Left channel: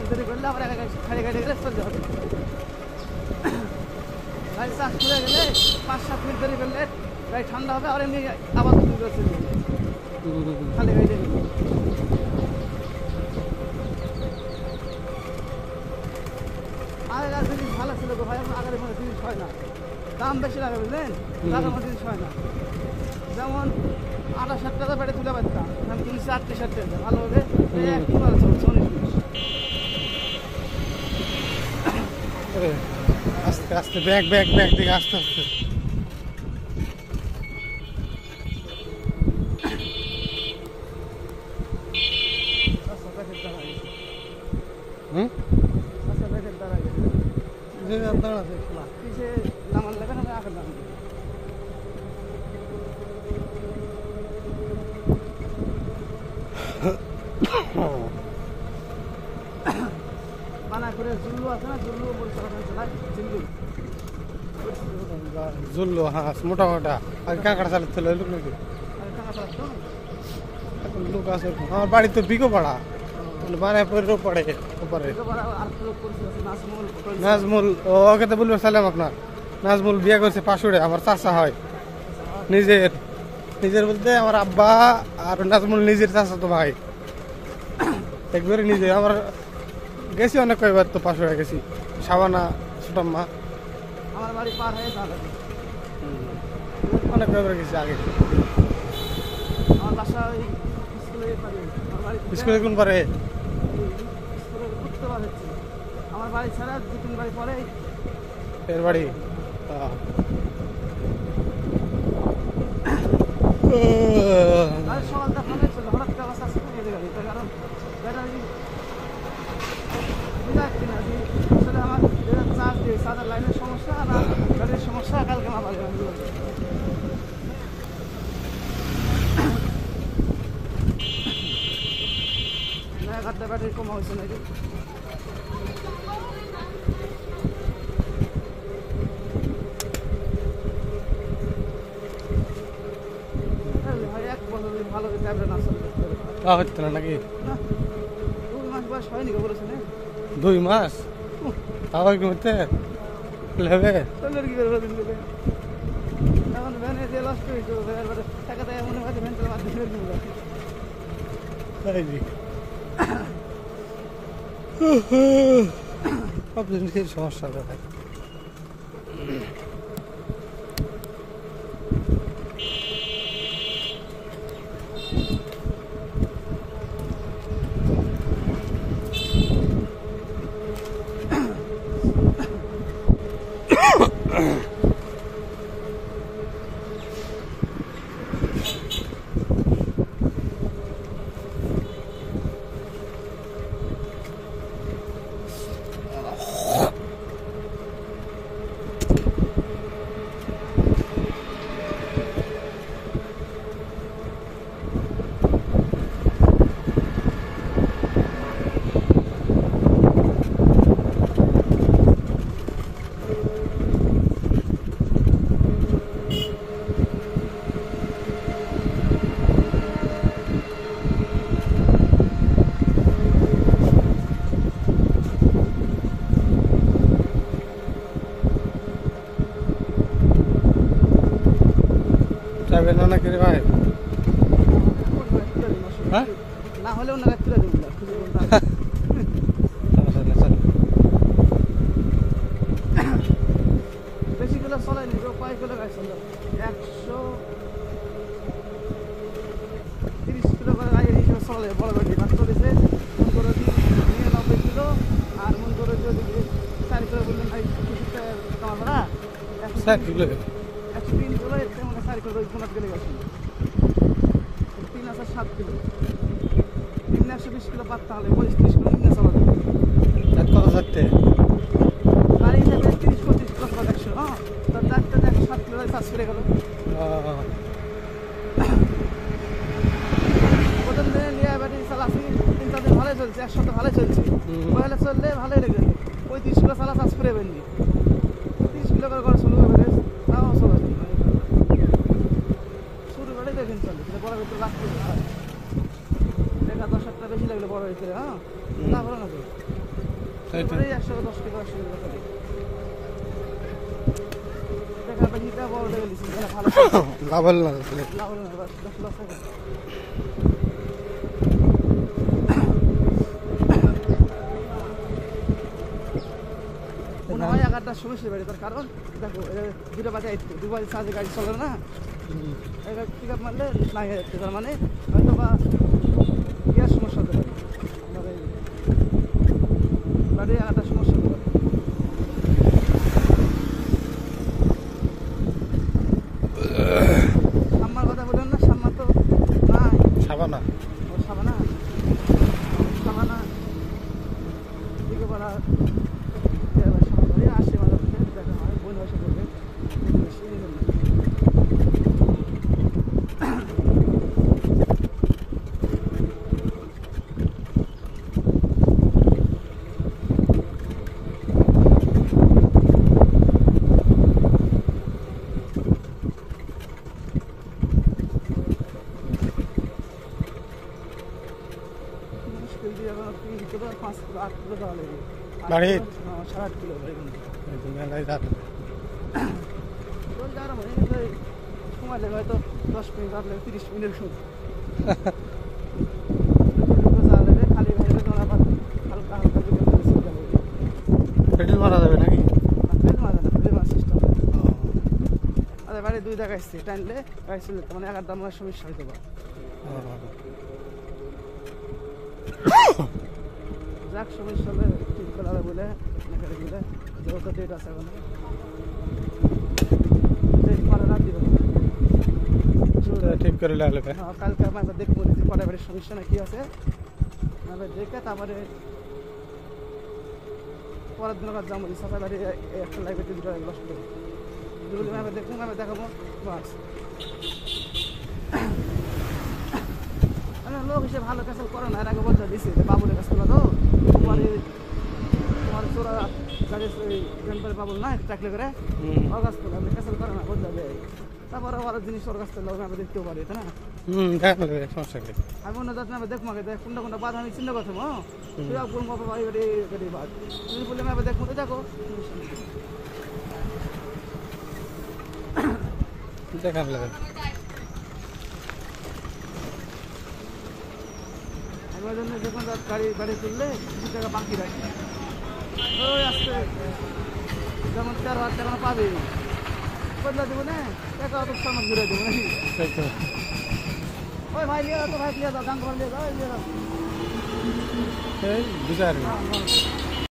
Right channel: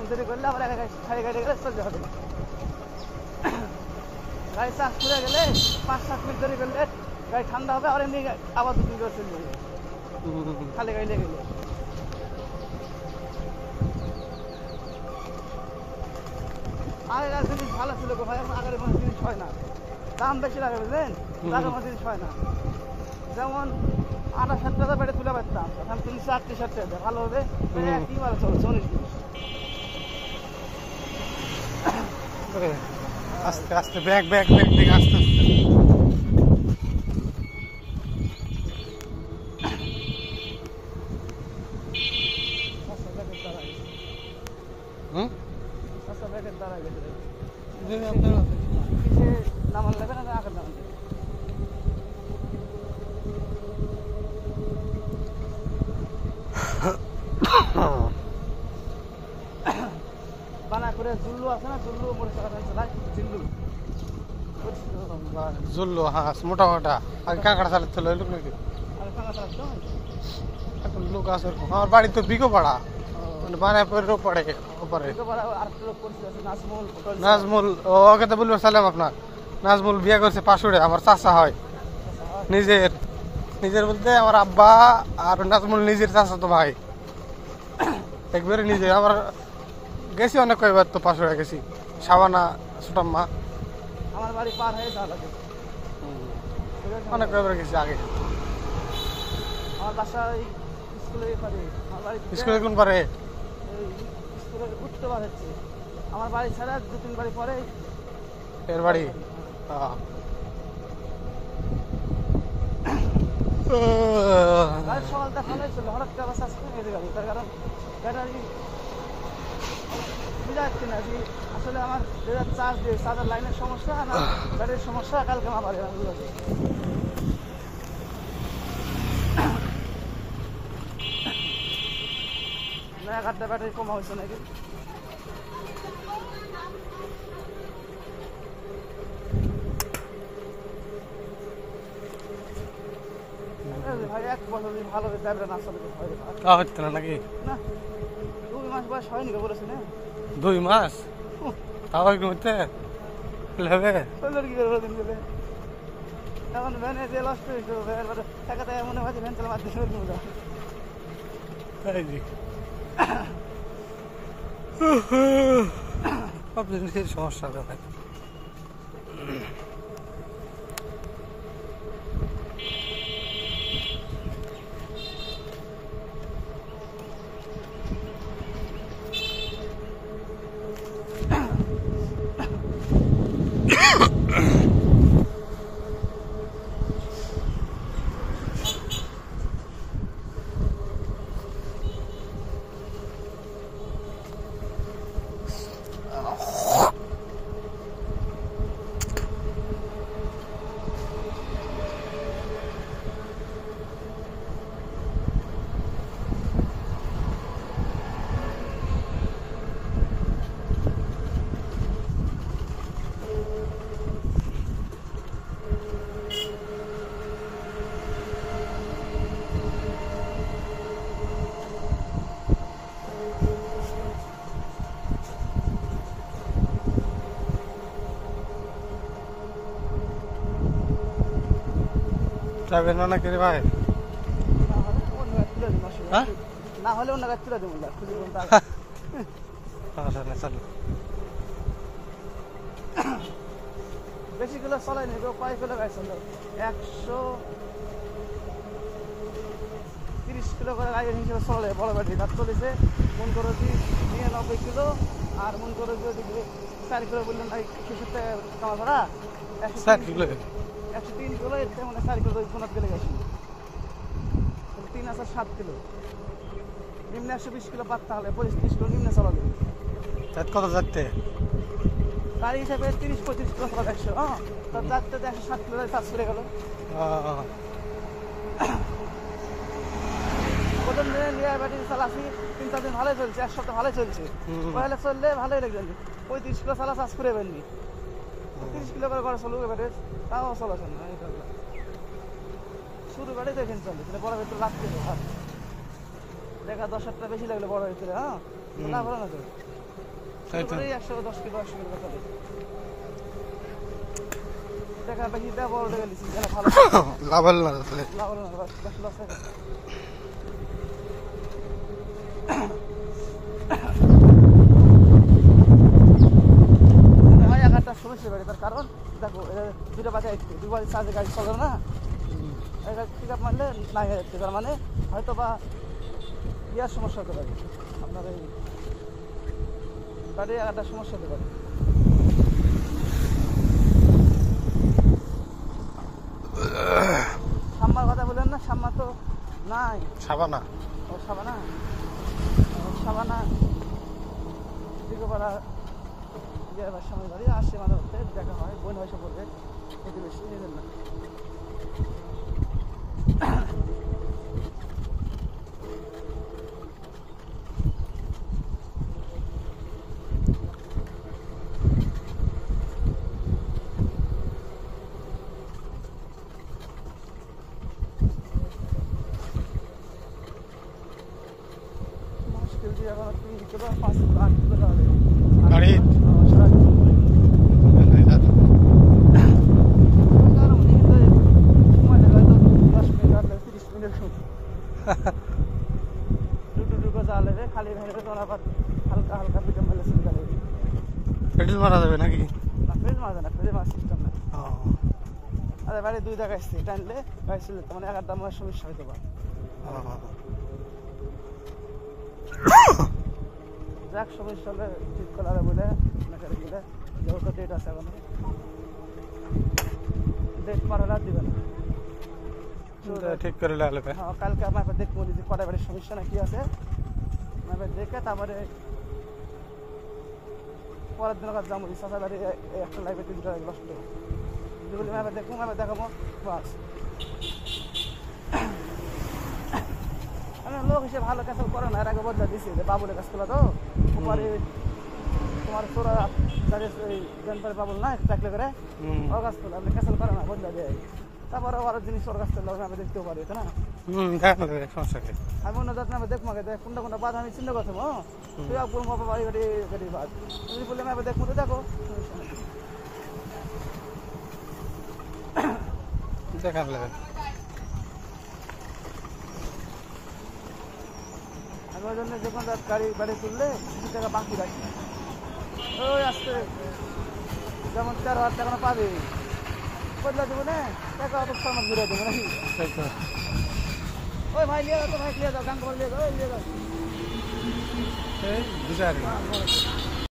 Minute দেরি করলে আবার এক খালি গাড়ি গেলে চলতে হবে। গাড়ি চার্জ করে গেলে 5-7 মিনিট দেরি করলে গাড়ি ঠান্ডা হবে, আর এমনি আবার দুই করে চলে যাবে খালি গাড়ি গেলে। আগেকার জিনিস ভালো ছিল গো ভাই, আগের কোনো জিনিস হয় না, দাম বেশি লাগে বুঝলেন, আগের কোনো জিনিস হয় না। যেমন 28 টাকা বেড়ে তুলে পারতাম, আমি তুলেছি 38 টাকা, ভালো হবে কি ভালো চলছে 19 জিনিস। আস্তে আস্তে ব্যাগ ব্যাগ ব্যাগ দিকে আস্তে আস্তে নামান লাগবে না আগের দাম বানা করে জুল্লু আছে না, জুল্লু বলতে জিল্লু জুল্লু, হ্যাঁ মোটা মোটা আগে কাঁকড়া চালাচ্ছিল লোক নাকি এখন লোক আছে। আমার বাড়ি তো বিকো পাড়া, বানায় পরে পড়ে ওপারে নাজমুল, ওকে তো বলবো সালাম আপনার। নাজমুল বিয়ে করছে পাশুড়ে, আমার চাচা হয় নিজের, নিজের বলতে আমার আব্বা আর নাজমুল নিজের চাচা তো ভাই একবারে নিজে। আমার গেছি অনেক কয়েকবার তো পাশুড়ে গেছি, সাবানা ছোটাম্মা আমার বাড়ি পার হয়ে যাবে, অনেক কয়েকবার গেছি আগে। আমার বাসা স্কুলে স্কুলে কোন পারে? স্কুলে ঘুরতে বার হচ্ছে, আমার বাড়ি ছাড়া 2-3 বাড়ি পরে এর বাড়ি। সকাল দেখা হয়েছিল হঠাৎ করে চার্জ করে দিয়ে গাড়ি, তার কারণ ব্যাটারি বুঝাচ্ছি না যে আসলে আমার চার্জ দিয়ে চার্জার লাইনের সমস্যা আর ব্যাটারির সমস্যা, কালকে না পারে আমি না 1-8টা ব্যাটারি কমা হয়েছে নাকি। ভাই 1 বছর ভালো যাবে না হচ্ছে না নাকি? 2 মাস বয়স হয়নি বলেছে না, 2 মাস আবার ঘুরতে হবে কি করে দিন দেবে এখন ভ্যানে দিয়ে লস করে দেবো, টাকা দেয় মনে হয় ভ্যান চালা মাধ্যমে সব জিনিসের সমস্যা কথা। যাবে না নাকি রে ভাই? হ্যাঁ না হলে ওনারা তুলে দেবো বেশি কিলো চলে নি, কয় কিলো গাছ 130 কিলো করে গাড়ি হিসেবে চলে বড় গাড়ি চলেছে। মন করো 99 কিলো আর মন করো যদি 4 কিলো করলে নাই কিছুটা কমা করা 4 কিলো 103 কিলো এতে মানে 4 কিলো গেলে গেছে 3 আছে 7 কিলো নিম্নে 120 কিলো পাততে হলে 25-30 কিলো নিম্নে চলা যাবে। কত যাচ্ছে গাড়ি হিসাবে 30-35 কিলো 100, হ্যাঁ তো যাতে 7 কিলো চার্জ করে গেল। প্রথম দিনে নিয়ে ব্যাটারি চালাচ্ছি 3-4 দিন ভালোই চলছে, 1 সপ্তাহ ভালোই চলছে, মোবাইলে চললে ভালোই লেগে যাবে। 35 কিলো চালা চার্জ করে বেননি 30 কিলো করে চলবে এভারেজ, তাও চলা যাবে শুরু গাড়ি দেখেন চলে বড় ভিতরে লাগবে দেখা 10 টাকা বেশি লাগলে বড় ভিতরে, হ্যাঁ না বলো না তাই তো। 110 কিলো 80 কিলো করে এটা কাটা নিতে বড় গেলিছি ভালো লাভ হলো না তাহলে। লাভ হলো না, 10 লস হবে। ওই একটা সমস্যা বেড়ে তার কারণ দেখো দুটো বাজে আইতে দুবার চার্জে গাড়ি চলে না পিক আপ মারলে নাই যাচ্ছে তার মানে হয়তো বা ইয়ার সমস্যা হতে পারে আপনার এই গাড়ি একটা সমস্যা হতে পারে। সাম্মার কথা বলেন না, সাম্মা তো নাই। সাবানা ও সাবানা সাবানা দিকে বলা সময় ধরে আসছে মাঝে মধ্যে দেখা হয় বোন বসে পড়বে বেশি এই জন্য। মুশকিল দিয়ে এখন 3 কিলো 5 কিলো 8 কিলো যাওয়া লাগে বাড়ি সারা দিন লাগে। সময় লাগে হয়তো 10 মিনিট লাগলে 30 মিনিট সময় দুটো যাওয়া লাগে খালি ভাইরে তোমার আবার হালকা হালকা দিকে চলে যাবে। পেট্রোল মারা যাবে নাকি? ফ্রেড মারা না, ফ্রেড মারা সিস্টেম আরে বাড়ি 2 জায়গায় আসছে টাইনলে গাড়ি ছিল মানে একটা আমার সমস্যা হইতে পারে। যাক সমস্যা হলে ঠিক করার বলে নাকি বলে যেহেতু ডেট আছে এখন ডেট করার আর দিবেন না। ঠিক করে লাগলে হ্যাঁ কালকে আপনাকে দেখবো যে কটা বাড়ির সমস্যা না কি আছে আমরা দেখে তারপরে পরের দিন আবার যাবো ইচ্ছা বাড়ি একটা লাইভে 3 টাকা লস করবো যেগুলি আমি দেখবো আমি দেখাবো বাস লোক হিসেবে ভালো কাজ করে না, এর আগে বদলা দিয়েছি বাবুলের কাজ করলো তো তোমার তোরা গাড়ি বাবুল না চাকরি করে ওর কাজ করলো আপনি ক্যান্সেল করে না বদলা দেয় তারপরে আরো জিনিস ওর কাছ থেকে আমি দেখতেও পারি তাই না। সমস্যা কি আমি অন্য যাতে আমি দেখবো কোনটা কোনটা বাদ আমি চিন্তা করতে তুই আপনার বাবা বাড়ি বাড়ি গাড়ি বাদ তুমি বললে আমি দেখবো তো দেখো দেখার লাগে আমি ওই জন্য যখন গাড়ি বাড়ি তুললে 2 টাকা বাকি রাখি ওই আসতে যেমন 4,000 টাকা পাবে বদলা দেবো না টাকা অত সময় ঘুরে দেবো নাকি ওই ভাই লিয়ে তো ভাই লিয়ে দাও গান করে লিয়ে দাও বিচার